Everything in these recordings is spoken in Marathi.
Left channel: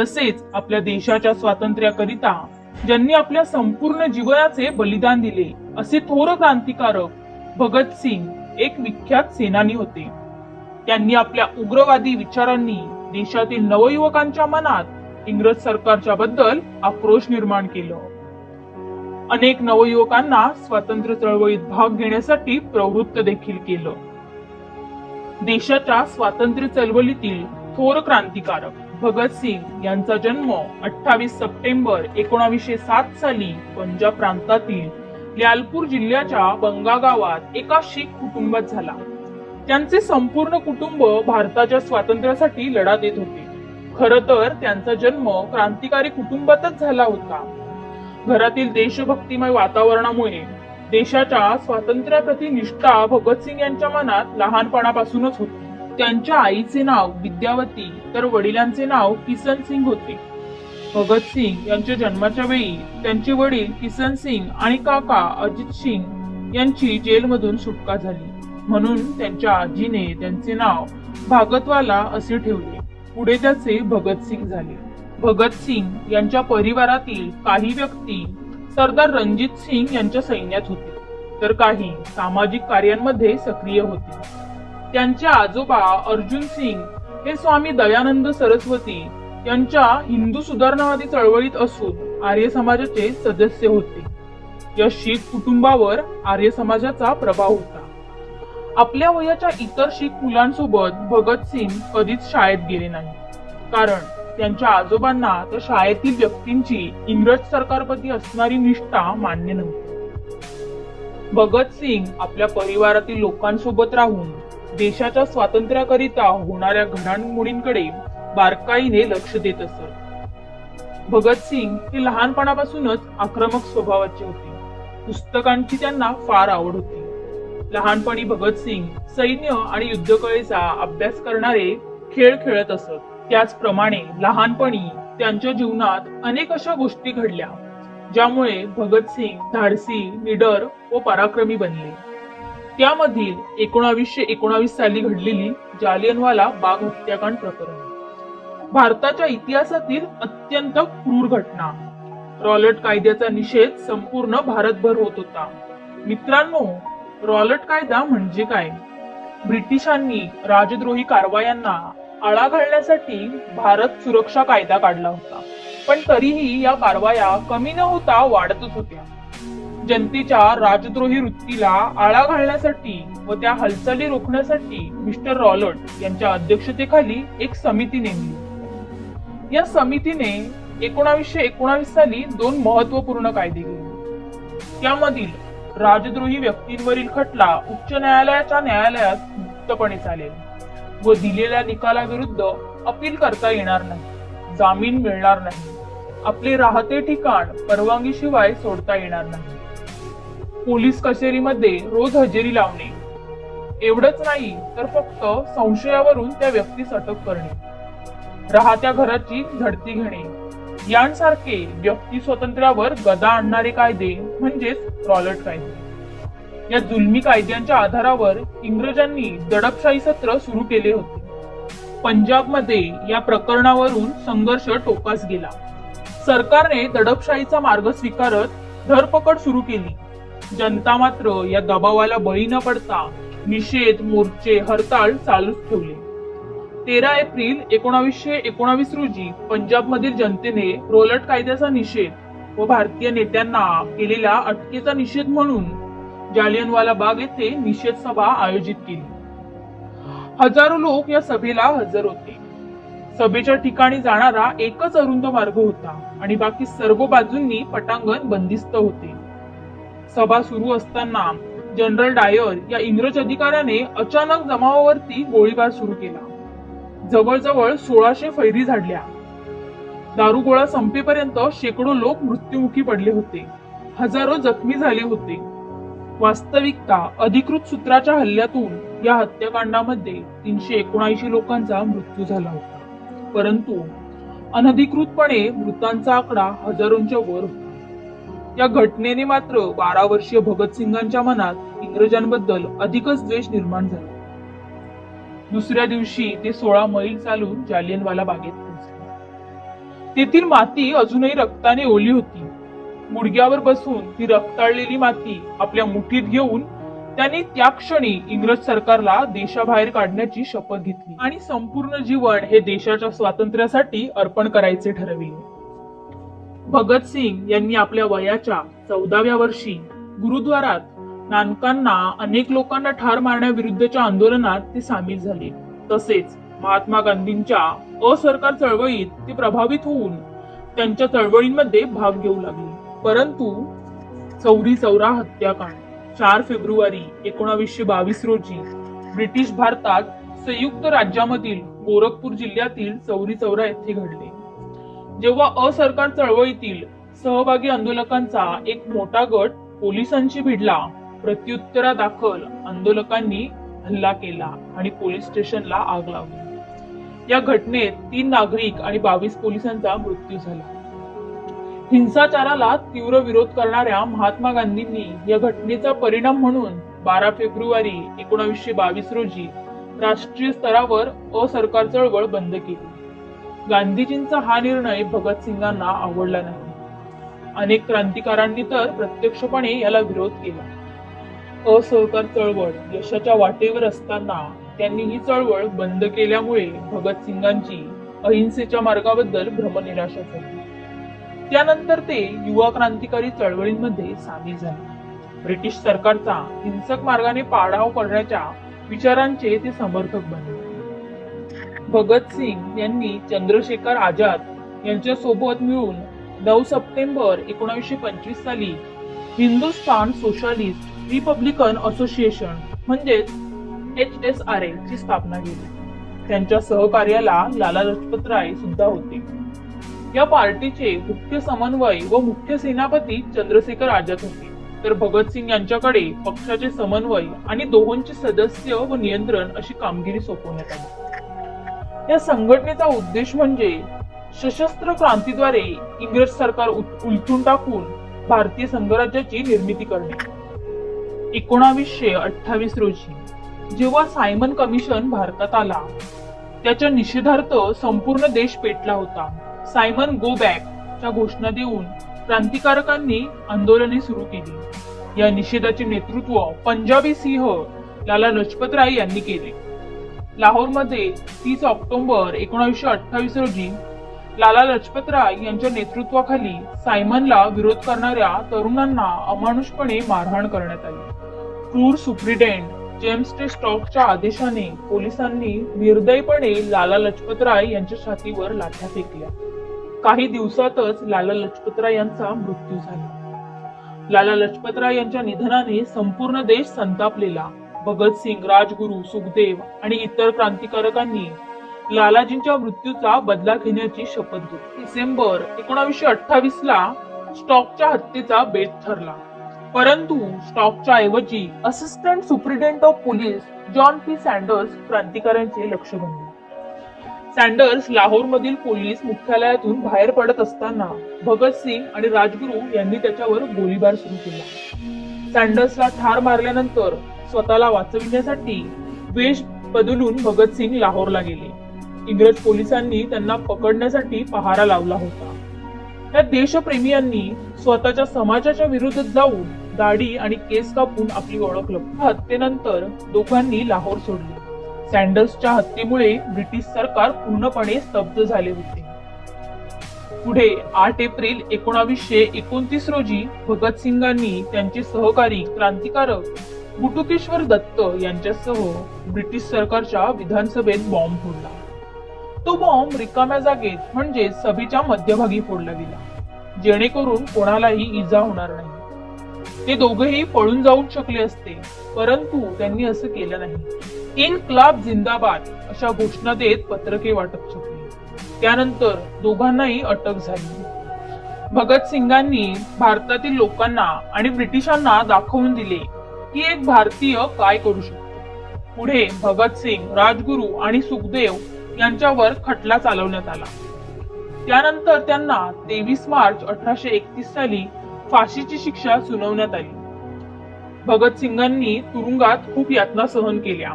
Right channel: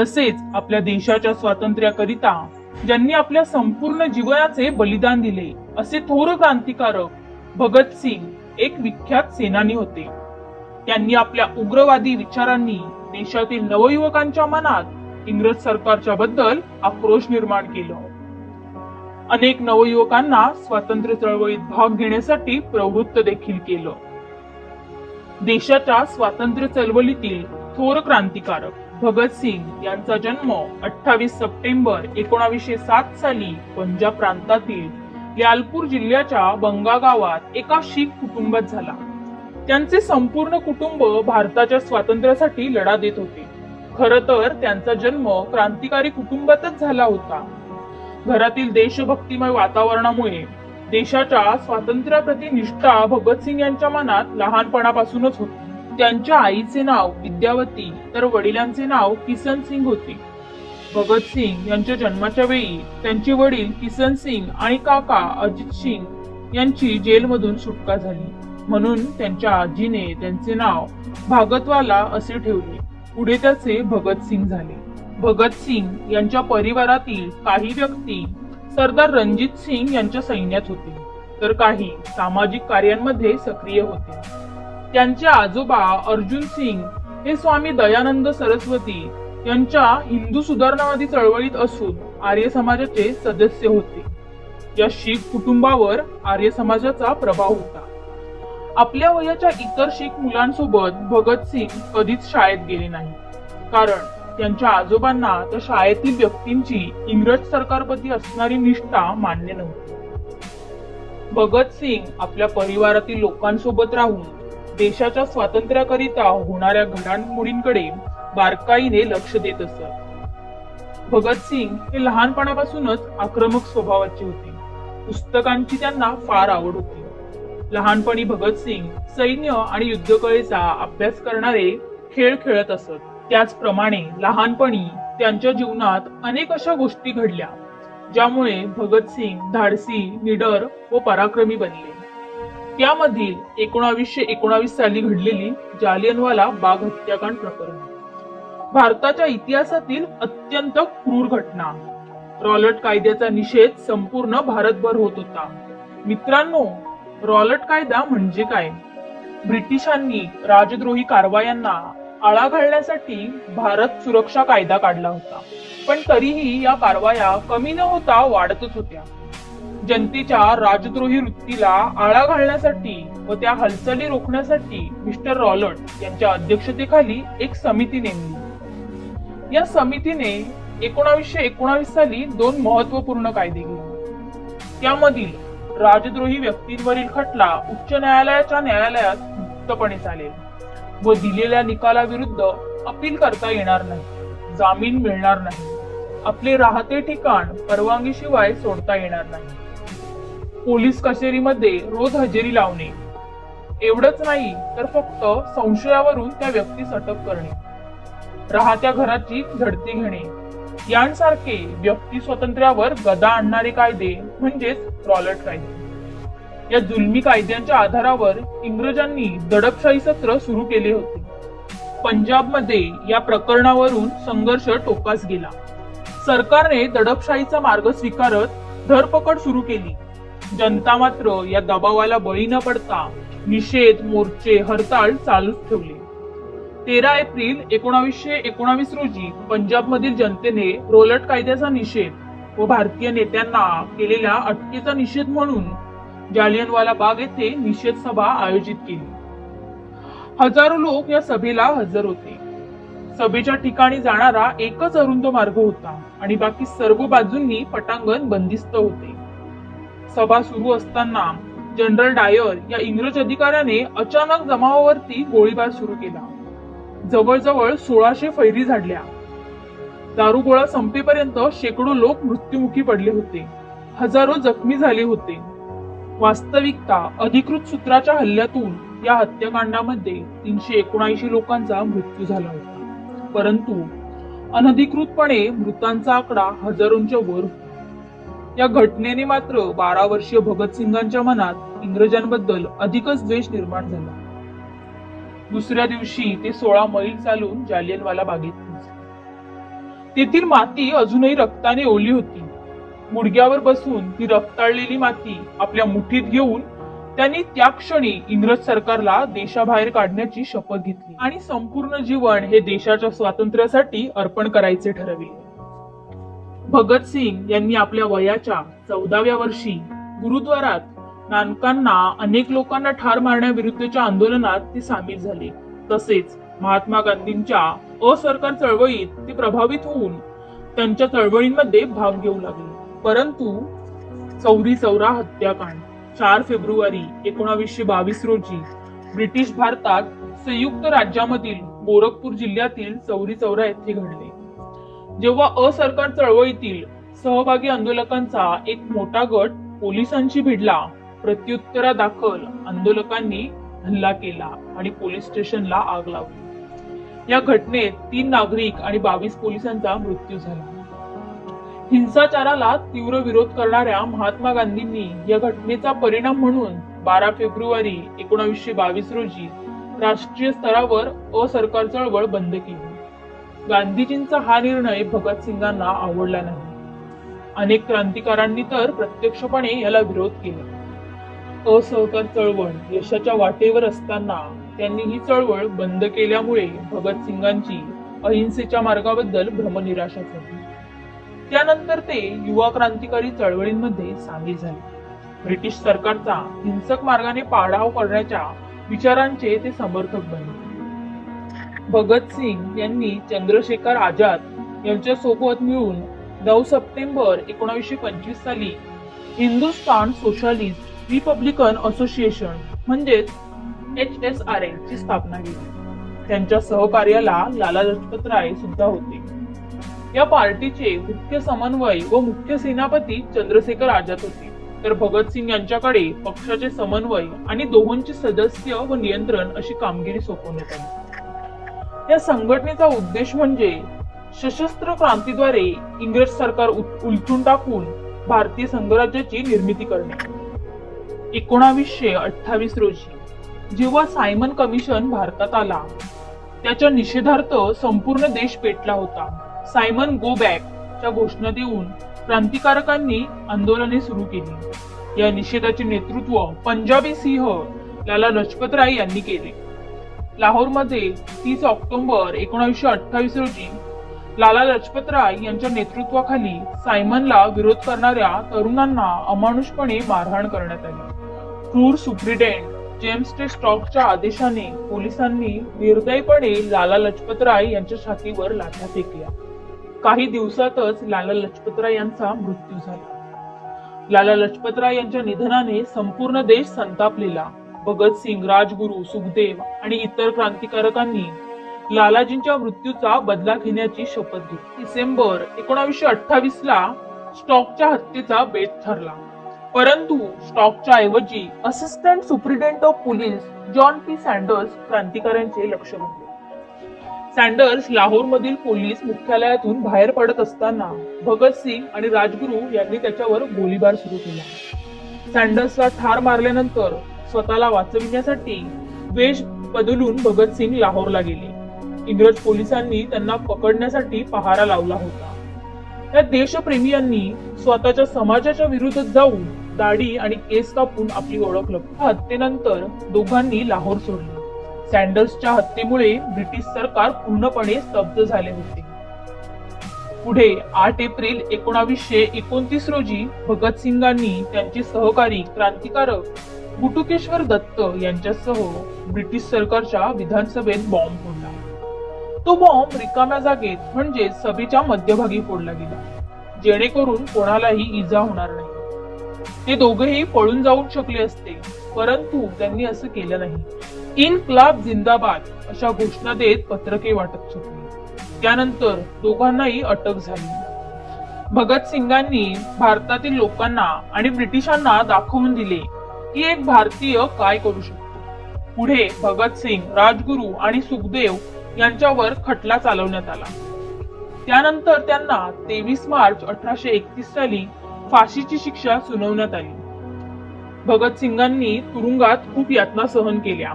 तसेच आपल्या देशाच्या स्वातंत्र्याकरिता ज्यांनी आपल्या संपूर्ण जीवनाचे बलिदान दिले असे थोर क्रांतिकारक भगतसिंग एक विख्यात सेनानी होते. त्यांनी आपल्या उग्रवादी विचारांनी देशातील नवयुवकांच्या मनात इंग्रज सरकारच्या बद्दल आक्रोश निर्माण केला. अनेक नवयुवकांना स्वातंत्र्य चळवळीत भाग घेण्यासाठी प्रवृत्त देखील केलं. देशाच्या स्वातंत्र्य चळवळीतील थोर क्रांतिकारक भगतसिंग यांचा जन्म 28 सप्टेंबर 1907 साली पंजाब प्रांतातील ल्यालपूर जिल्ह्याच्या बंगा गावात एका शीख कुटुंबात झाला. त्यांचे संपूर्ण कुटुंब भारताच्या स्वातंत्र्यासाठी लढा देत होते. खरं तर त्यांचा जन्म क्रांतिकारी कुटुंबातच झाला होता. घरातील देशभक्तिमय वातावरणामुळे देशाच्या स्वातंत्र्याप्रती निष्ठा भगतसिंग यांच्या मनात लहानपणापासूनच होती. त्यांच्या आईचे नाव विद्यावती तर वडिलांचे नाव किसन सिंग होते. भगतसिंग यांच्या जन्माच्या वेळी त्यांचे वडील किसन सिंग आणि काका अजित सिंग यांची जेलमधून सुटका झाली, म्हणून त्यांच्या आजीने त्यांचे नाव भागतवाला असे ठेवले. पुढे त्याचे भगतसिंग झाले. भगतसिंग यांच्या परिवारातील काही व्यक्ती सरदार रणजित सिंग यांच्या सैन्यात होते, तर काही सामाजिक कार्यांमध्ये सक्रिय होते. त्यांचे आजोबा अर्जुन सिंग हे स्वामी दयानंद सरस्वती यांच्या हिंदू सुधारणावादी चळवळीत असून आर्य समाजाचे सदस्य होते. या शीख कुटुंबावर आर्य समाजाचा प्रभाव होता. आपल्या वयाच्या इतर शीख मुलांसोबत भगतसिंग कधीच शाळेत गेले नाही, कारण त्यांच्या आजोबांना त्या शाळेतील व्यक्तींची इंग्रज सरकारप्रती असणारी निष्ठा मान्य नव्हती. भगतसिंग आपल्या परिवारातील लोकांसोबत राहून देशाच्या स्वातंत्र्याकरिता होणाऱ्या घडामोडींकडे बारकाईने लक्ष देत असत. भगतसिंग हे लहानपणापासूनच आक्रमक स्वभावाचे होते. पुस्तकांची त्यांना फार आवड होती. लहानपणी भगतसिंग सैन्य आणि युद्धकलेचा अभ्यास करणारे खेळ खेळत असत. त्याचप्रमाणे लहानपणी त्यांच्या जीवनात अनेक अशा गोष्टी घडल्या ज्यामुळे भगतसिंग धाडसी, निडर व पराक्रमी बनले. त्यामधील 1919 साली घडलेली जालियनवाला बाग हत्याकांड प्रकरण भारताच्या इतिहासातील अत्यंत क्रूर घटना. रॉलेट कायद्याचा निषेध संपूर्ण भारतभर होत होता. मित्रांनो, रॉलेट कायदा म्हणजे काय? ब्रिटिशांनी राजद्रोही कारवायांना आळा घालण्यासाठी भारत सुरक्षा कायदा काढला होता, पण तरीही या कारवाया कमी न होता वाढतच होत्या. जनतेच्या राजद्रोही वृत्तीला आळा घालण्यासाठी व त्या हालचाली रोखण्यासाठी मिस्टर रॉलेट यांच्या अध्यक्षतेखाली एक समिती नेमली. या समितीने 1919 साली 2 महत्वपूर्ण कायदे केले. त्यामधील राजद्रोही व्यक्तींवरील खटला उच्च न्यायालयाच्या न्यायालयात मुक्तपणे चालेल व दिलेल्या निकालाविरुद्ध अपील करता येणार नाही, जामीन मिळणार नाही, आपले राहते ठिकाण परवानगीशिवाय सोडता येणार नाही, पोलीस कचेरीमध्ये रोज हजेरी लावणे, एवढंच नाही तर फक्त संशयावरून त्या व्यक्तीस अटक करणे, राहत्या घराची झडती घेणे यांसारखे व्यक्ती स्वातंत्र्यावर गदा आणणारे कायदे म्हणजेच रॉलेट कायदे. या जुलमी कायद्यांच्या आधारावर इंग्रजांनी दडपशाही सत्र सुरू केले होते. पंजाबमध्ये या प्रकरणावरून संघर्ष टोकास गेला. सरकारने दडपशाहीचा मार्ग स्वीकारत धरपकड सुरू केली. जनता मात्र या दबावाला बळी न पडता निषेध मोर्चे, हरताळ चालूच ठेवले. 13 एप्रिल 1919 रोजी पंजाबमधील जनतेने रॉलेट कायद्याचा निषेध व भारतीय नेत्यांना केलेल्या अटकेचा निषेध म्हणून जालियनवाला बाग येथे निषेध सभा आयोजित केली. हजारो लोक या सभेला हजर होते. सभेच्या ठिकाणी जाणारा एकच अरुंद मार्ग होता आणि बाकी सर्व बाजूंनी पटांगण बंदिस्त होते. सभा सुरू असताना जनरल डायर या इंग्रज अधिकाऱ्याने अचानक जमावावरती गोळीबार सुरू केला. जवळजवळ 1600 फैरी झाडल्या. दारुगोळा संपेपर्यंत शेकडो लोक मृत्युमुखी पडले होते. हजारो जखमी झाले होते. वास्तविकता अधिकृत सूत्राच्या हल्ल्यातून या हत्याकांडामध्ये 379 लोकांचा मृत्यू झाला होता, परंतु अनधिकृतपणे मृतांचा आकडा हजारोंच्या वर होता. या घटनेने मात्र 12 वर्षीय भगतसिंगांच्या मनात इंग्रजांबद्दल अधिकच द्वेष निर्माण झाला. दुसऱ्या दिवशी ते 16 मैल चालून जालियनवाला बागेत पोहोचले. तेथील माती अजूनही रक्ताने ओली होती. गुडघ्यावर बसून ती रक्ताळलेली माती आपल्या मुठीत घेऊन त्यांनी त्या क्षणी इंग्रज सरकारला देशाबाहेर काढण्याची शपथ घेतली आणि संपूर्ण जीवन हे देशाच्या स्वातंत्र्यासाठी अर्पण करायचे ठरविले. भगतसिंग यांनी आपल्या वयाच्या 14व्या वर्षी गुरुद्वारात नानकांना अनेक लोकांना ठार मारण्याविरुद्धच्या आंदोलनात ते सामील झाले. तसेच महात्मा गांधींच्या असरकार चळवळीत ते प्रभावित होऊन त्यांच्या चळवळींमध्ये भाग घेऊ लागले. परंतु चौरी चौरा हत्याकांड 4 फेब्रुवारी 1922 रोजी ब्रिटिश भारतात संयुक्त राज्यामधील गोरखपूर जिल्ह्यातील चौरी चौरा येथे घडले. जेव्हा असरकार चळवळीतील सहभागी आंदोलकांचा एक मोठा गट पोलिसांशी भिडला, प्रत्युत्तरादाखल आंदोलकांनी हल्ला केला आणि पोलीस स्टेशनला आग लावली. या घटनेत 3 नागरिक आणि 22 पोलिसांचा मृत्यू झाला. हिंसाचाराला तीव्र विरोध करणाऱ्या महात्मा गांधींनी या घटनेचा परिणाम म्हणून 12 फेब्रुवारी 1922 रोजी राष्ट्रीय स्तरावर असरकार चळवळ बंद केली. गांधीजींचा हा निर्णय भगतसिंगांना आवडला नाही. अनेक क्रांतिकारांनी तर प्रत्यक्षपणे याला विरोध केला. असहकार चळवळ यशाच्या वाटेवर असताना त्यांनी ही चळवळ बंद केल्यामुळे भगतसिंगांची अहिंसेच्या मार्गाबद्दल भ्रमनिराशा झाली. त्यानंतर ते युवा क्रांतिकारी चळवळींमध्ये सामील झाले. ब्रिटिश सरकारचा हिंसक मार्गाने पाडाव करण्याच्या विचारांचे ते समर्थक बनले. भगतसिंग यांनी चंद्रशेखर आझाद यांच्या सोबत मिळून 9 सप्टेंबर 1925 साली हिंदुस्थान सोशलिस्ट रिपब्लिकन असोसिएशन म्हणजेच HSRA ची स्थापना केली. त्यांच्या सहकार्याला लाला लजपत राय सुद्धा होते. या पार्टीचे मुख्य समन्वय व मुख्य सेनापती चंद्रशेखर आझाद होते, तर भगतसिंग यांच्याकडे पक्षाचे समन्वय आणि दोहोंचे सदस्य व नियंत्रण अशी कामगिरी सोपवण्यात आली. या संघटनेचा उद्देश म्हणजे सशस्त्र क्रांतीद्वारे इंग्रज सरकार उलथून टाकून भारतीय संघराज्याची निर्मिती करणे. 1928 रोजी जेव्हा सायमन कमिशन भारतात आला, त्याच्या निषेधार्थ संपूर्ण देश पेटला होता. सायमन गो बॅक च्या घोषणा देऊन क्रांतिकारकांनी आंदोलने सुरू केली. या निषेधाचे नेतृत्व पंजाबी सिंह लाला लजपत राय यांनी केले. लाहोरमध्ये 30 ऑक्टोबर 1928 रोजी लाला लजपत राय यांच्या नेतृत्वाखाली सायमनला विरोध करणाऱ्या तरुणांना अमानुषपणे मारहाण करण्यात आली. क्रूर सुप्रिटेंडेंट जेम्स टे स्टॉकच्या आदेशाने पोलिसांनी निर्दयीपणे लाला लजपत राय यांच्या छातीवर लाठ्या फेकल्या. काही दिवसातच लाला लजपत राय यांचा मृत्यू झाला. लाला लजपत राय यांच्या निधनाने संपूर्ण देश संतापलेला. भगतसिंग, राजगुरू, सुखदेव आणि इतर क्रांतिकारकांनी लालाजींच्या मृत्यूचा बदला घेण्याची शपथ घेतली. डिसेंबर 1928 ला स्टॉकच्या हत्येचा बेत ठरला. परंतु स्टॉकच्या ऐवजी assistant superintendent of police John P Sanders क्रांतिकारांचे लक्ष बनले. सँडर्स लाहोरमधील पोलीस मुख्यालयातून बाहेर पडत असताना भगतसिंग आणि राजगुरू यांनी त्याच्यावर गोळीबार सुरू केला. सँडर्सला ठार मारल्यानंतर स्वतःला वाचविण्यासाठी वेश बदलून भगतसिंग लाहोरला गेले. इंग्रज पोलिसांनी त्यांना पकडण्यासाठी पहारा लावला होता. या देशप्रेमीयांनी स्वतःच्या समाजाच्या विरोधात जाऊन दाढी आणि केस कापून आपली ओळख लपवली. हत्येनंतर दोघांनी लाहोर सोडले. सँडर्सच्या हत्येमुळे ब्रिटिश सरकार पूर्णपणे स्तब्ध झाले होते. पुढे 8 एप्रिल 1929 रोजी भगतसिंगांनी त्यांचे सहकारी क्रांतिकारक गुटुकेश्वर दत्त यांच्यासह ब्रिटिश सरकारच्या विधानसभेत बॉम्ब फोडला. तो बॉम्ब रिकाम्या जागेत म्हणजे सभेच्या मध्यभागी फोडला गेला, जेणेकरून कोणालाही इजा होणार नाही. ते दोघेही पळून जाऊ शकले असते, परंतु त्यांनी असं केलं नाही. इन्क्लाब जिंदाबाद अशा घोषणा देत पत्रके वाटत सुटली. त्यानंतर दोघांनाही अटक झाली. भगतसिंगांनी भारतातील लोकांना आणि ब्रिटिशांना दाखवून दिले की एक भारतीय काय करू शकतो. पुढे भगतसिंग, राजगुरू आणि सुखदेव यांच्यावर खटला चालवण्यात आला. त्यानंतर त्यांना 23 मार्च 1831 साली फाशीची शिक्षा सुनावण्यात आली. भगतसिंगांनी तुरुंगात खूप यातना सहन केल्या.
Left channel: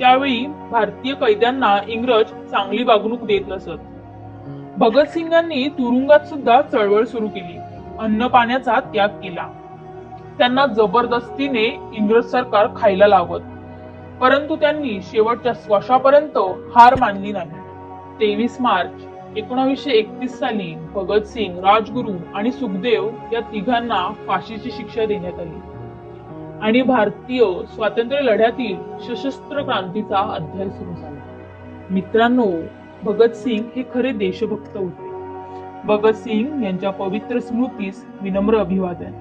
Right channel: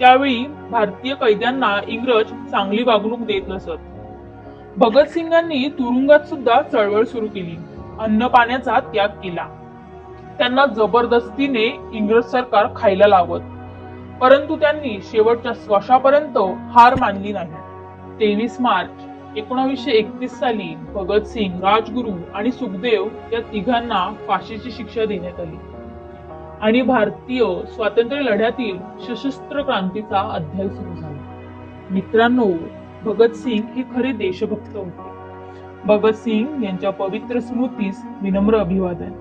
त्यावेळी भारतीय कैद्यांना इंग्रज चांगली वागणूक देत नसत. भगतसिंग यांनी तुरुंगात सुद्धा चळवळ सुरू केली, अन्न पाण्याचा त्याग केला. त्यांना जबरदस्तीने इंग्रज सरकार खायला लावत, परंतु त्यांनी शेवटच्या श्वासापर्यंत हार मानली नाही. 23 मार्च 1931 साली भगतसिंग, राजगुरू आणि सुखदेव या तिघांना फाशीची शिक्षा देण्यात आली आणि भारतीय स्वातंत्र्य लढ्यातील सशस्त्र क्रांतीचा अध्याय सुरू झाला. मित्रांनो, भगतसिंग हे खरे देशभक्त होते. भगतसिंग यांच्या पवित्र स्मृतीस विनम्र अभिवादन.